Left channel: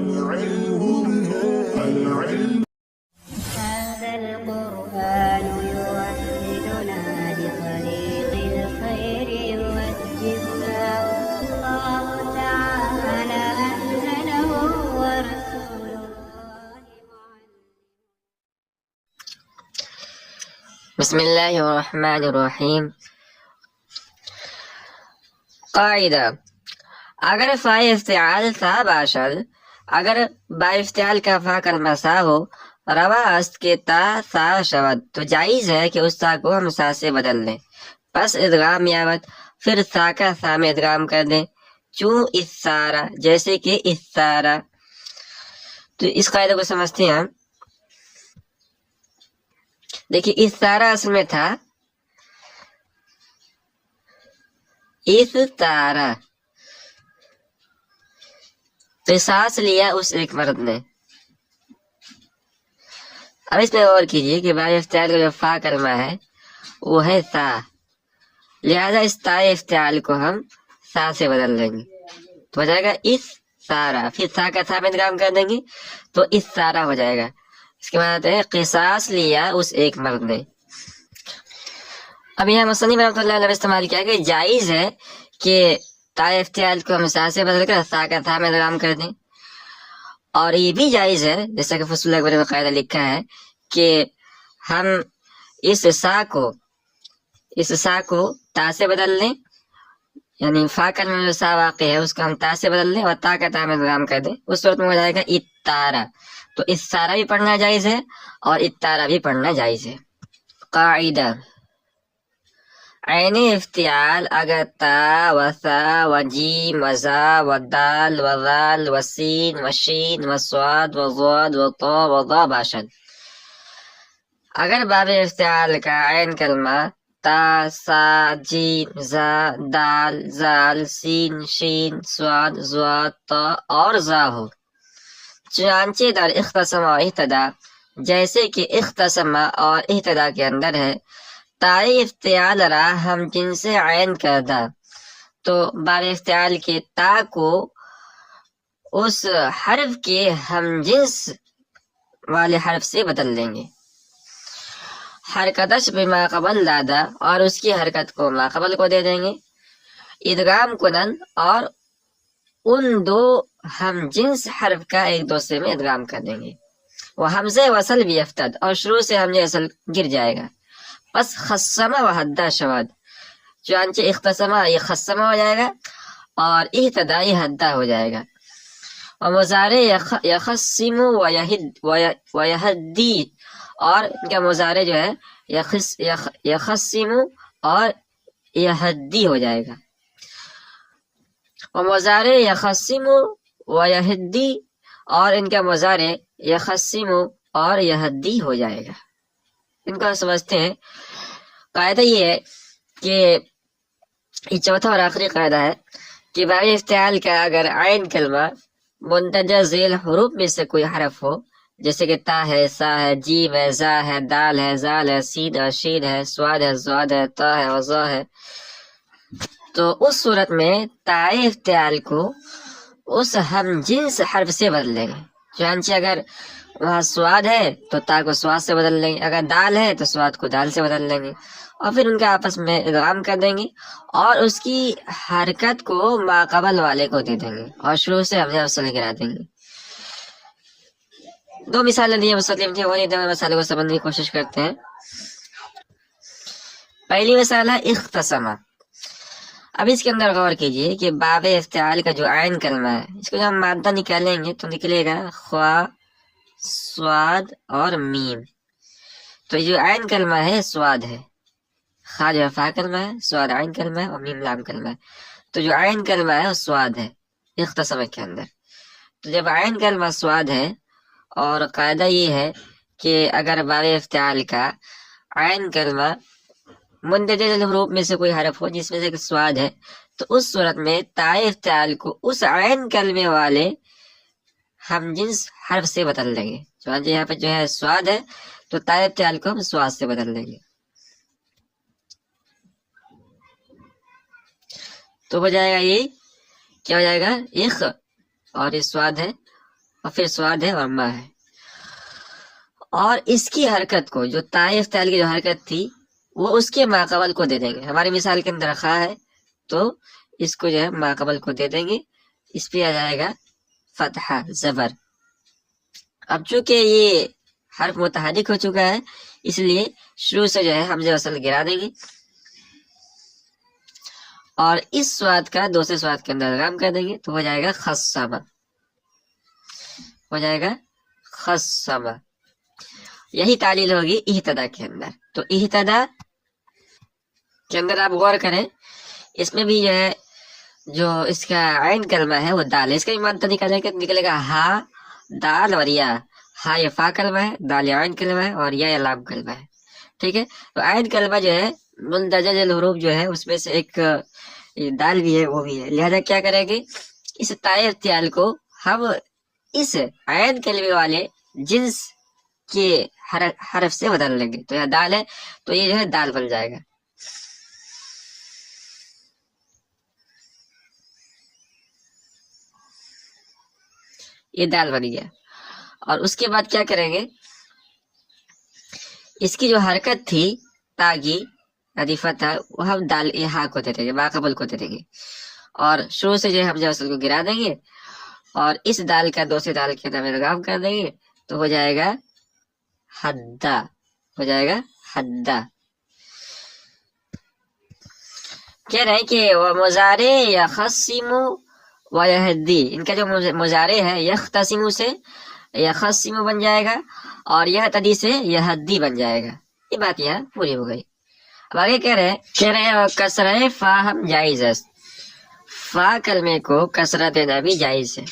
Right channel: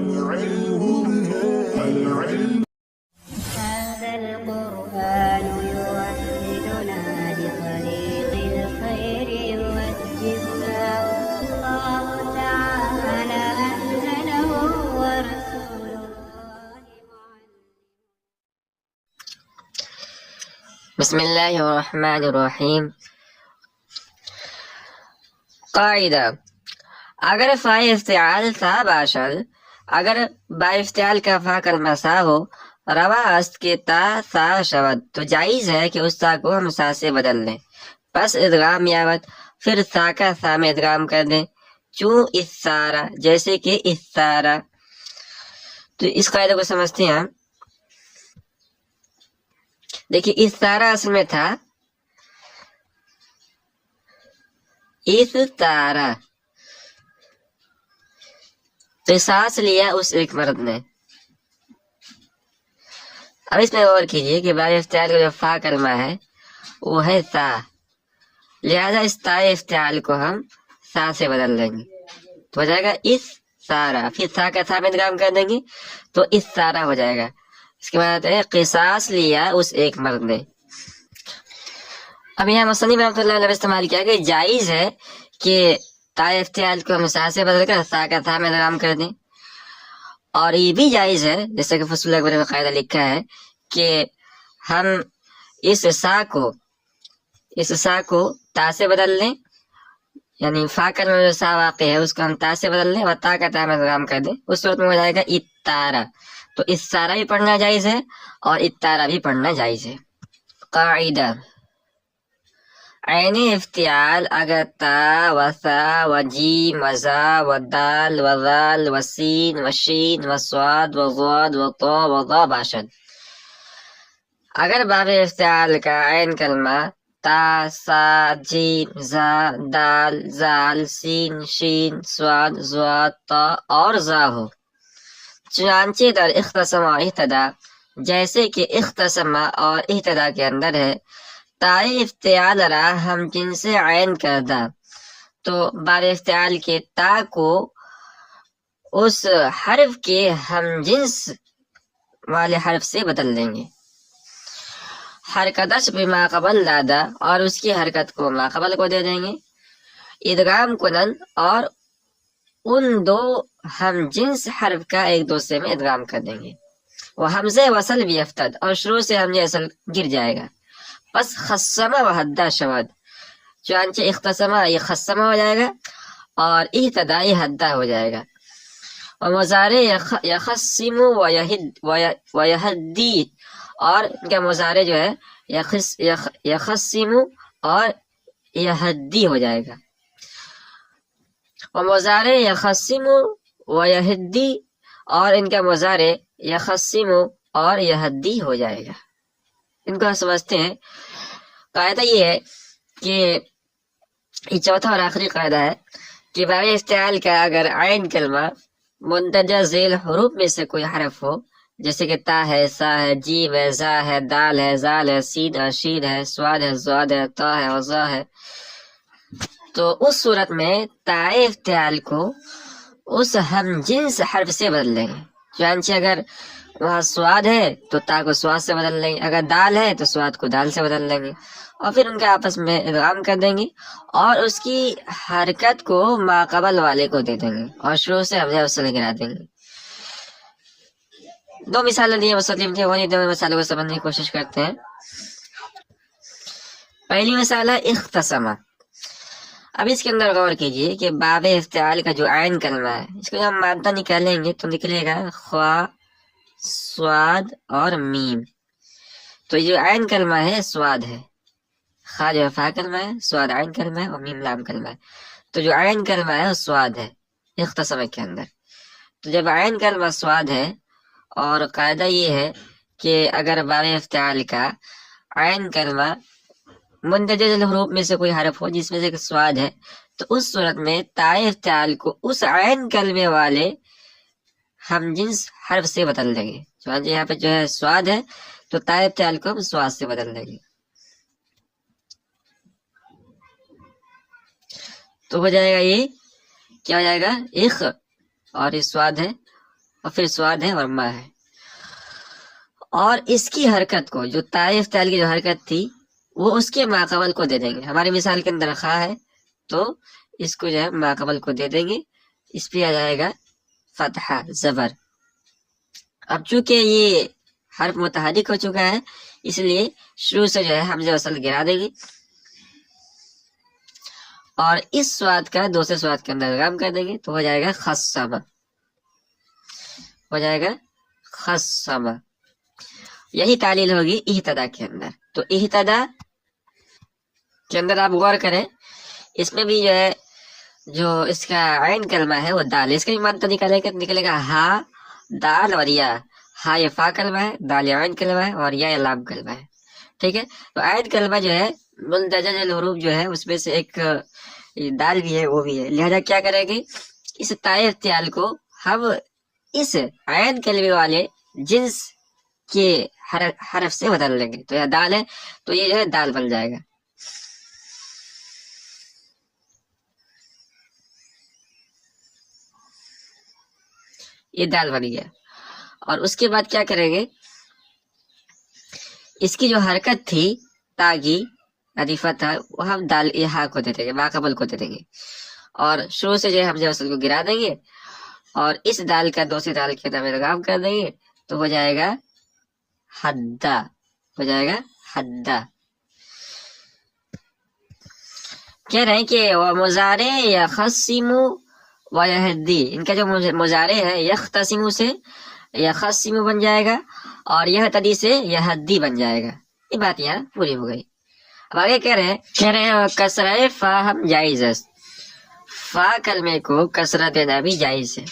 هذا القرآن يوحدنا لطريق الخير يوجهنا الله تعالى أنزله ورسول الله بسم الله الرحمن الرحیم. قاعدہ: اگر فاء افتعال تا باشد، اگر با افتعال کا فا کلمہ سا ہو، روا است کہ تا سا شود، تو جائز ہے کہ اس تا کو ہم سا سے بدل لیں. پس ادغام یاوت، پھر سا کا سا میں ادغام کر دیں. چوں اس سارا، جیسے کہ اس سارا. تو اس قاعدے کو سمجھتے ہیں ہم. دیکھیے اس سارا اصل میں تھا اس تارا، قصاص لیا اس ایک مرد نے. اب اس میں غور کیجیے کہ باب افتعال کا جو فا کلمہ ہے وہ ہے سا، لہذا اس تا افتعال کو ہم سا سے بدل دیں گے تو ہو جائے گا اس سارا. پھر سا کا سا میں ادغام کر دیں گے تو اس سارا ہو جائے گا. اس کے بعد ہے قصاص لیا اس ایک مرد نے. اب یہاں مصنف رحمۃ اللہ علیہ نے استعمال کیا کہ جائز ہے کہ تا افتعال کو ہم سا سے بدل کر سا کا تھا میں ادغام کر دیں، اور یہ بھی جائز ہے جیسا کہ فصول اکبر میں قاعدہ لکھا ہے کہ ہم اس سا کو تا سے بدل لیں، یعنی فا کلمہ میں جو سا واقع ہے اس کو ہم تا سے بدل لیں اور تا کا تا میں ادغام کر دیں. اس صورت میں ہو جائے گا اتارا. تو اس سارا بھی پڑھنا جائز ہے اور اتارا بھی پڑھنا جائز ہے. قاعدہ: عین افتعال اگر تا و ثا و جیم و زا و دال و ذال و سین و شین و صاد و ضاد و طا و ضا باشد. اگر باب افتعال کا عین کلمہ تا، سا، جیم، زا، دال، زال، سین، شین، صاد، ضاد، طا اور ضا ہو. چنانچہ در اختصم و اہتدا، جیسے کہ اختصم اور اہتدا کے اندر ہے، تائے افتعال را ہم جنس عین کردہ، تو باب افتعال کے تا کو اس حرف کے ہم جنس والے حرف سے بدل لیں گے. حرکتش بما قبل دادا، اور اس کی حرکت کو ما قبل کو دے دیں گے. ادغام کنن، اور ان دو ہم جنس حرف کا ایک دوسرے میں ادغام کر دیں گے. وہ حمزہ وصل بھی افتد، اور شروع سے حمزہ وصل گر جائے گا. بس خصمہ و حدہ شود، چنانچہ اختصمہ یہ خصمہ ہو جائے گا اور اہتدا یہ حدہ ہو جائے گا. اور مضارع یخصم و یہدی، اور ان کا مضارع جو ہے یخصم اور یہدی ہو جائے گا. اور مضارع یخصم و یہدی، اور ان کا مضارع یخصم اور یہدی ہو جائے گا. ان کو سمجھتے ہیں. قاعدہ یہ ہے کہ یہ چوتھا اور آخری قاعدہ ہے کہ باب افتعال کا اگر عین کلمہ مندرجہ ذیل حروف میں سے کوئی حرف ہو، جیسے کہ تا ہے، سا ہے، جیم ہے، زا ہے، دال ہے، زال ہے، سین ہے، شین ہے، سواد ہے، زواد ہے، تا ہے، وضا ہے، تو اس صورت میں تا افتعال کو اس ہم جنس حرف سے بدل لیں گے. چنانچہ اگر وہاں سواد ہے تو تا کو سواد سے بدل لیں گے، اگر دال ہے تو سواد کو دال سے بدل لیں گے، اور پھر ان کا آپس میں ادغام کر دیں گے اور اس کی حرکت کو ما قبل والے کو دے دیں گے اور شروع سے حمزہ وصل گرا دیں گے. دو مثالیں دی مسلم تھے، وہی دو مثالوں کو سمجھنے کی کوشش کرتے ہیں. پہلی مثال ہے اختصمہ. اب اس کے اندر غور کیجئے کہ باب افتعال کا جو عین کلمہ ہے اس کو جب ہم مادہ نکالیں گے تو نکلے گا خوا، سواد اور میم. تو یہ جو عین کلمہ ہے سواد ہے. خا جو ہے فا کلمہ ہے، سواد عین کلمہ ہے اور میم لام کلمہ ہے. تو جو عین کلمہ ہے وہ سواد ہے اختصمہ کے اندر. تو جب عین کلمہ سواد ہے، اور قاعدہ یہ ہے کہ اگر باب افتعال کا عین کلمہ مندرجہ ذیل حروف میں سے کوئی حرف ہو جس میں سے سواد ہے، تو اس صورت میں تا افتعال کو اس عین کلمے والے ہم جنس حرف سے بدل لیں گے. چنانچہ یہاں پہ جو ہے سواد ہے تو تا افتعال کو ہم سواد سے بدل لیں گے. تو ہو جائے گا یہ کیا ہو جائے گا اخ، اور یہ سواد ہے اور پھر سواد ہے اور ما ہے. اور اس کی حرکت کو جو طائف تال کی جو حرکت تھی وہ اس کے ماقبل کو دے دیں گے. ہماری مثال کے اندر خا ہے تو اس کو جو ہے ماقبل کو دے دیں گے, اس پہ آ جائے گا فتحہ زبر. اب چونکہ یہ حرف متحرک ہو چکا ہے اس لیے شروع سے جو ہے حمزہ وصل گرا دیں گے اور اس سواد کا دوسرے سواد کے اندر ادغام کر دیں گے تو ہو جائے گا خصمہ, ہو جائے گا خصمہ. یہی تعلیل ہوگی اہتدا کے اندر. تو اہتدا کے اندر آپ غور کریں, اس میں بھی جو ہے جو اس کا عین کلمہ ہے وہ دال, اس کا ایمان تو نکلے گا ہا دال اور یا. ہا یہ فا کلمہ ہے, دال یا عین کلمہ ہے اور یا لام کلمہ ہے. ٹھیک ہے, تو عین کلمہ جو ہے مندرجہ الحروف جو ہے اس میں سے ایک دال بھی ہے وہ بھی ہے. لہذا کیا کریں گے, اس طائف تیال کو ہم اس عین کلمے والے جنس کے حرف سے بدل لیں گے. تو یہ دال ہے تو یہ جو ہے دال بن جائے گا. یہ دال بن گیا. اور اس کے بعد کیا کریں گے, اس کی جو حرکت تھی تاگی عدیفہ تھا وہ ہم دال ہا کو دے دیں گے, ماقبل کو دے دیں گے اور شروع سے جو ہے حمزہ وصل کو گرا دیں گے اور اس دال کا دوسرے دال کے اندر ادغام کر دیں گے تو ہو جائے گا حدا, ہو جائے گا حدا. کہہ رہے ہیں کہ وہ مضارع یخصمو و یہدی, ان کا جو مضارع ہے یختصمو سے یخصمو بن جائے گا اور یہتدی سے یہدی بن جائے گا. یہ بات یہاں پوری ہو گئی. اب آگے کہہ رہے ہیں کسرہ فا ہم جائز ہے, فا کلمے کو کسرہ دینا بھی جائز ہے.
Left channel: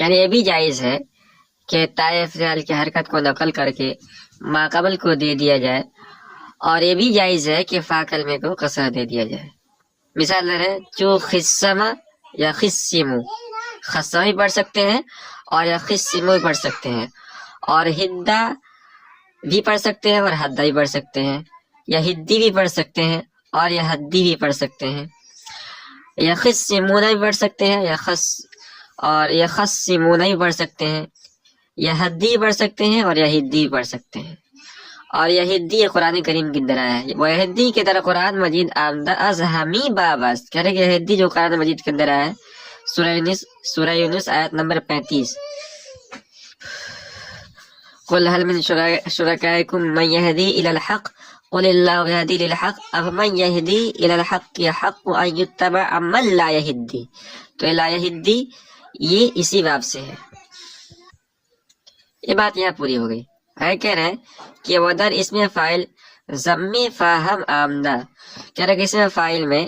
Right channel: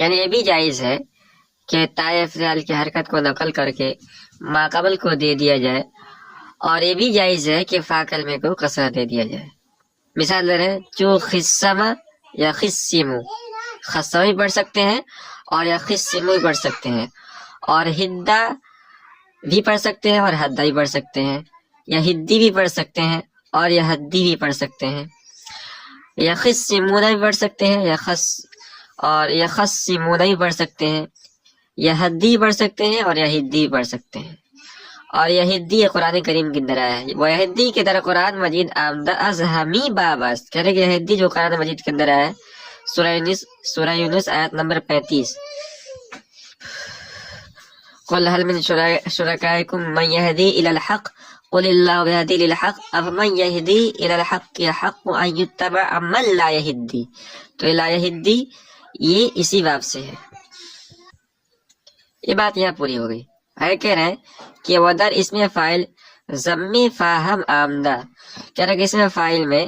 یعنی یہ بھی جائز ہے کہ طائف فعل کی حرکت کو نقل کر کے ماقبل کو دے دیا جائے اور یہ بھی جائز ہے کہ فا کلمے کو کسرہ دے دیا جائے. مثال دے رہے چو خصمہ یا خصمو, خصمہ بھی پڑھ سکتے ہیں اور یا خصمو بھی پڑھ سکتے ہیں اور ہدا بھی پڑھ سکتے ہیں اور حدا بھی پڑھ سکتے ہیں, یا ہدی بھی پڑھ سکتے ہیں اور یا حدی بھی پڑھ سکتے ہیں, یا خصمونہ بھی پڑھ سکتے ہیں یا خص اور یا خصمونہ بھی پڑھ سکتے ہیں, یا حدی پڑھ سکتے ہیں اور یا ہدی پڑھ سکتے ہیں. اور یہ ہدی قرآن کریم کے اندر آیا ہے. وہ ہدی کی طرح قرآن مجید آمدہ از ہمی باباس, کہہ رہے کہ یہ ہدی جو قرآن مجید کے اندر آیا ہے سورہ یونس آیت نمبر 35. قل هل من شرکائکم من یہدی الی الحق قل اللہ یہدی للحق افمن یہدی الی الحق حق ان یتبع من لا یہدی. تو لا یہدی یہ اسی باب سے ہے. یہ بات یہاں پوری ہو گئی. ہے کہہ رہے ہیں کہ ودر اس میں فائل ضمی فاہم آمدہ, کہہ رہے کہ اس میں فائل میں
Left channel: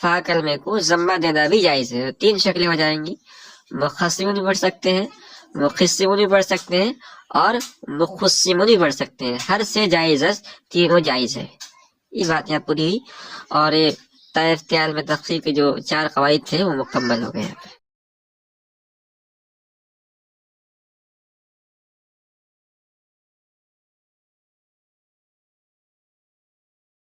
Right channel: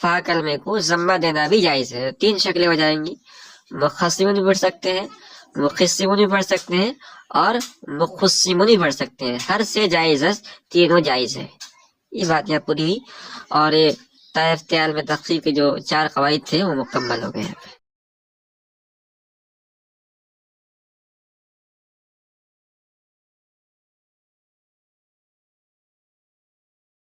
فا کلمے کو ضمہ دینا بھی جائز ہے. 3 شکلیں ہو جائیں گی, مخصمون بھی پڑھ سکتے ہیں, مخصمون بھی پڑھ سکتے ہیں اور مخصمون بھی پڑھ سکتے ہیں. ہر سے جائز, تینوں جائز ہے. یہ بات یہاں پوری ہوئی اور طائف تیال میں تخصیص کے جو 4 قواعد تھے وہ مکمل ہو گئے.